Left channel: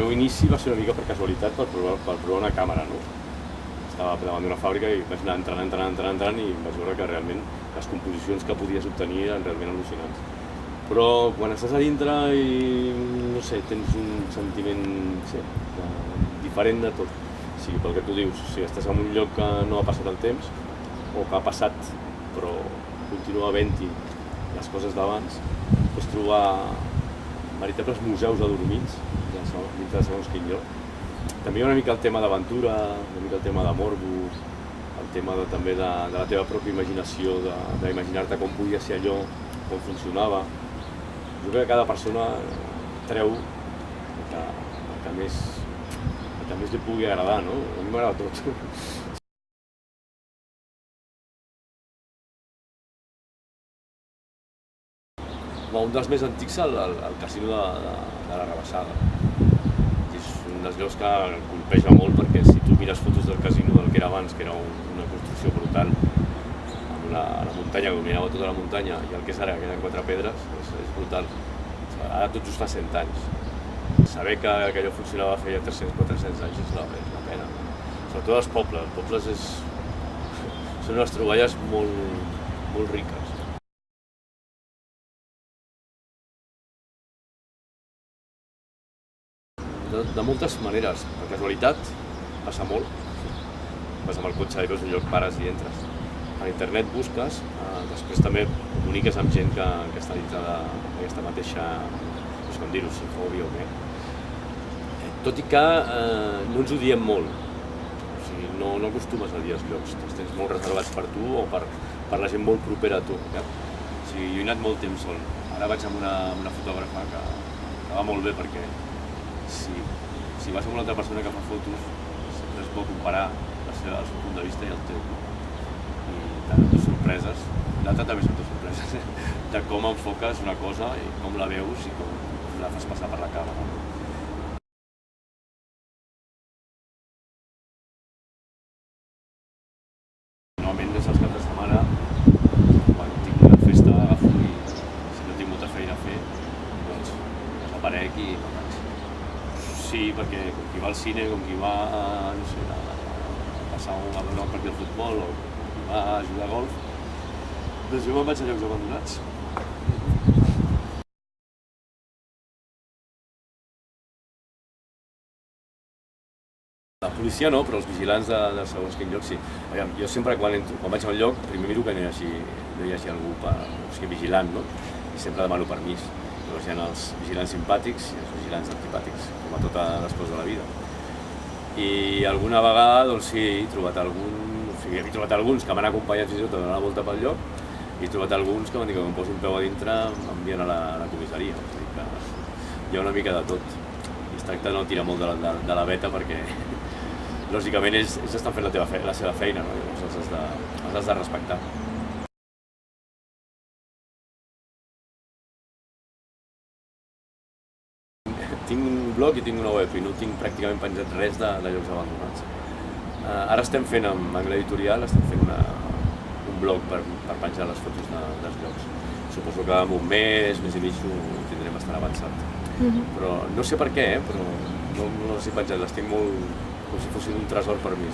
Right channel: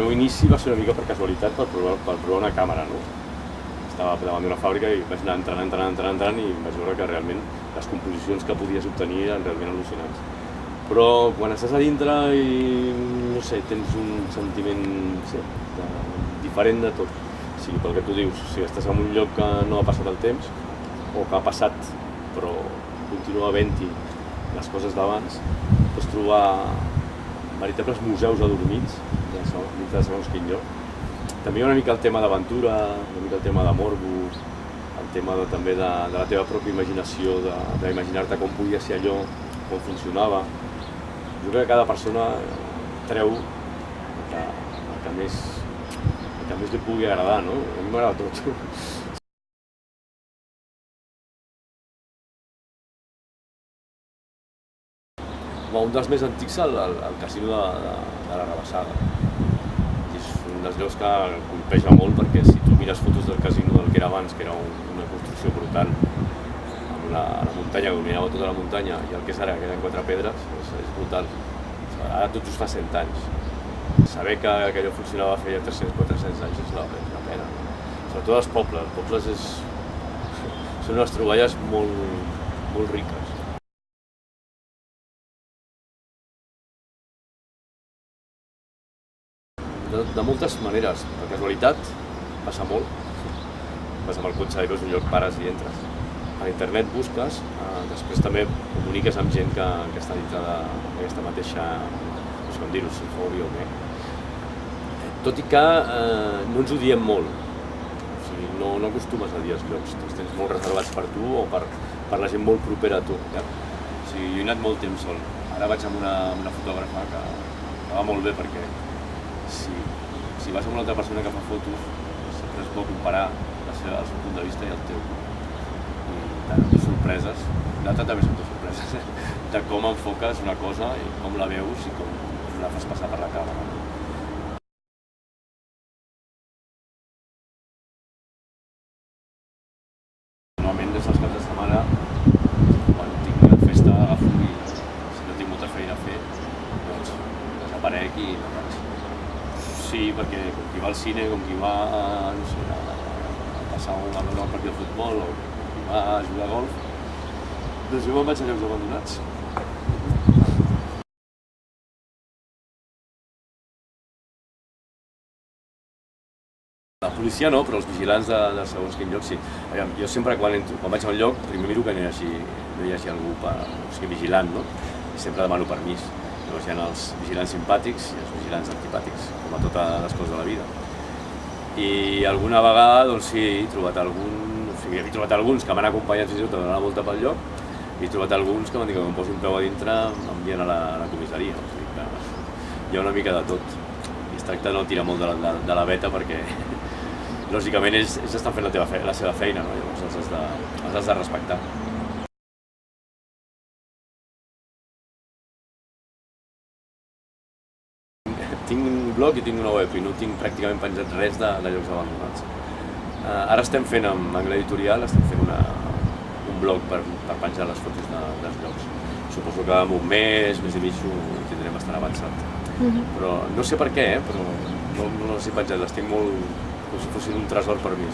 meu inici va ser una mica per casualitat, per provar una càmera, no? Estava davant d'una fàbrica i vaig anar entrant i vaig veure que realment les composicions que podies obtenir eren realment al·lucinants. Però quan estàs a dintre i, no sé, tens un sentiment diferent de tot. O sigui, pel que tu dius, si estàs en un lloc que no ha passat el temps, o que ha passat però continua havent-hi les coses d'abans, pots trobar veritables museus adormits dintre de segons quin lloc. També hi ha una mica el tema d'aventura, una mica el tema de morbo, el tema també de la teva pròpia imaginació, d'imaginar-te com podia ser allò, com funcionava. Jo crec que cada persona treu el que més li pugui agradar, no? A mi m'agrada tot. Un dels més antics és el casino de la Rabassada. És un dels llocs que colpeja molt perquè si tu mires fotos del casino del que era abans, que era una construcció brutal, amb la muntanya, que dominava tota la muntanya, i el que és ara, que queden 4 pedres, és brutal. Ara tot just fa 100 anys. Saber que allò funcionava feia 300-400 anys és la pena. Sobretot els pobles són unes troballes molt riques. De moltes maneres. Per casualitat passa molt. Vas amb el cotxe i veus un lloc, pares i entres. A internet busques, després també comuniques amb gent que està dintre d'aquesta mateixa, no sé com dir-ho, si fòbia o què. Tot i que no ens ho diem molt. O sigui, no acostumes a dir els llocs. Els tens molt reservats per tu o per la gent molt propera a tu. O sigui, jo he anat molt temps sol. Ara vaig amb una fotògrafa que va molt bé perquè si vas amb una altra persona que fa fotos, sempre es pot comparar el seu punt de vista i el teu. I tant, amb dues sorpreses, l'altre també són dues sorpreses, de com enfoques una cosa i com la veus i com la fas passar per la càmera. Normalment des dels caps de setmana, quan tinc una festa, agafo i si no tinc molta feina a fer, doncs desaparec i no vaig. Sí, perquè com qui va al cine, com qui va a passar a veure un partit de futbol o com qui va a jugar a golf, doncs jo me'n vaig a llocs abandonats. La policia no, però els vigilants de segons quin lloc sí. Jo sempre quan vaig a un lloc, primer miro que no hi hagi algú vigilant, no? I sempre demano permís. Llavors hi ha els vigilants simpàtics i els vigilants antipàtics, com a totes les coses de la vida. I alguna vegada, doncs sí, he trobat alguns que m'han acompanyat fins i tot a donar la volta pel lloc i he trobat alguns que m'han dit que quan em posi un peu a dintre m'envien a la comissaria. O sigui que hi ha una mica de tot. I es tracta de no tirar molt de la veta perquè, lògicament, ells estan fent la seva feina, no? Llavors els has de respectar. Tinc un blog i tinc una web i no tinc pràcticament penjat res de llocs abandonats. Ara estem fent, amb Angle Editorial, un blog per penjar les fotos dels llocs. Suposo que en un mes i mig ho tindrem bastant avançat. Però no sé per què, però no les he penjat, les tinc molt com si fossin un tresor per mi.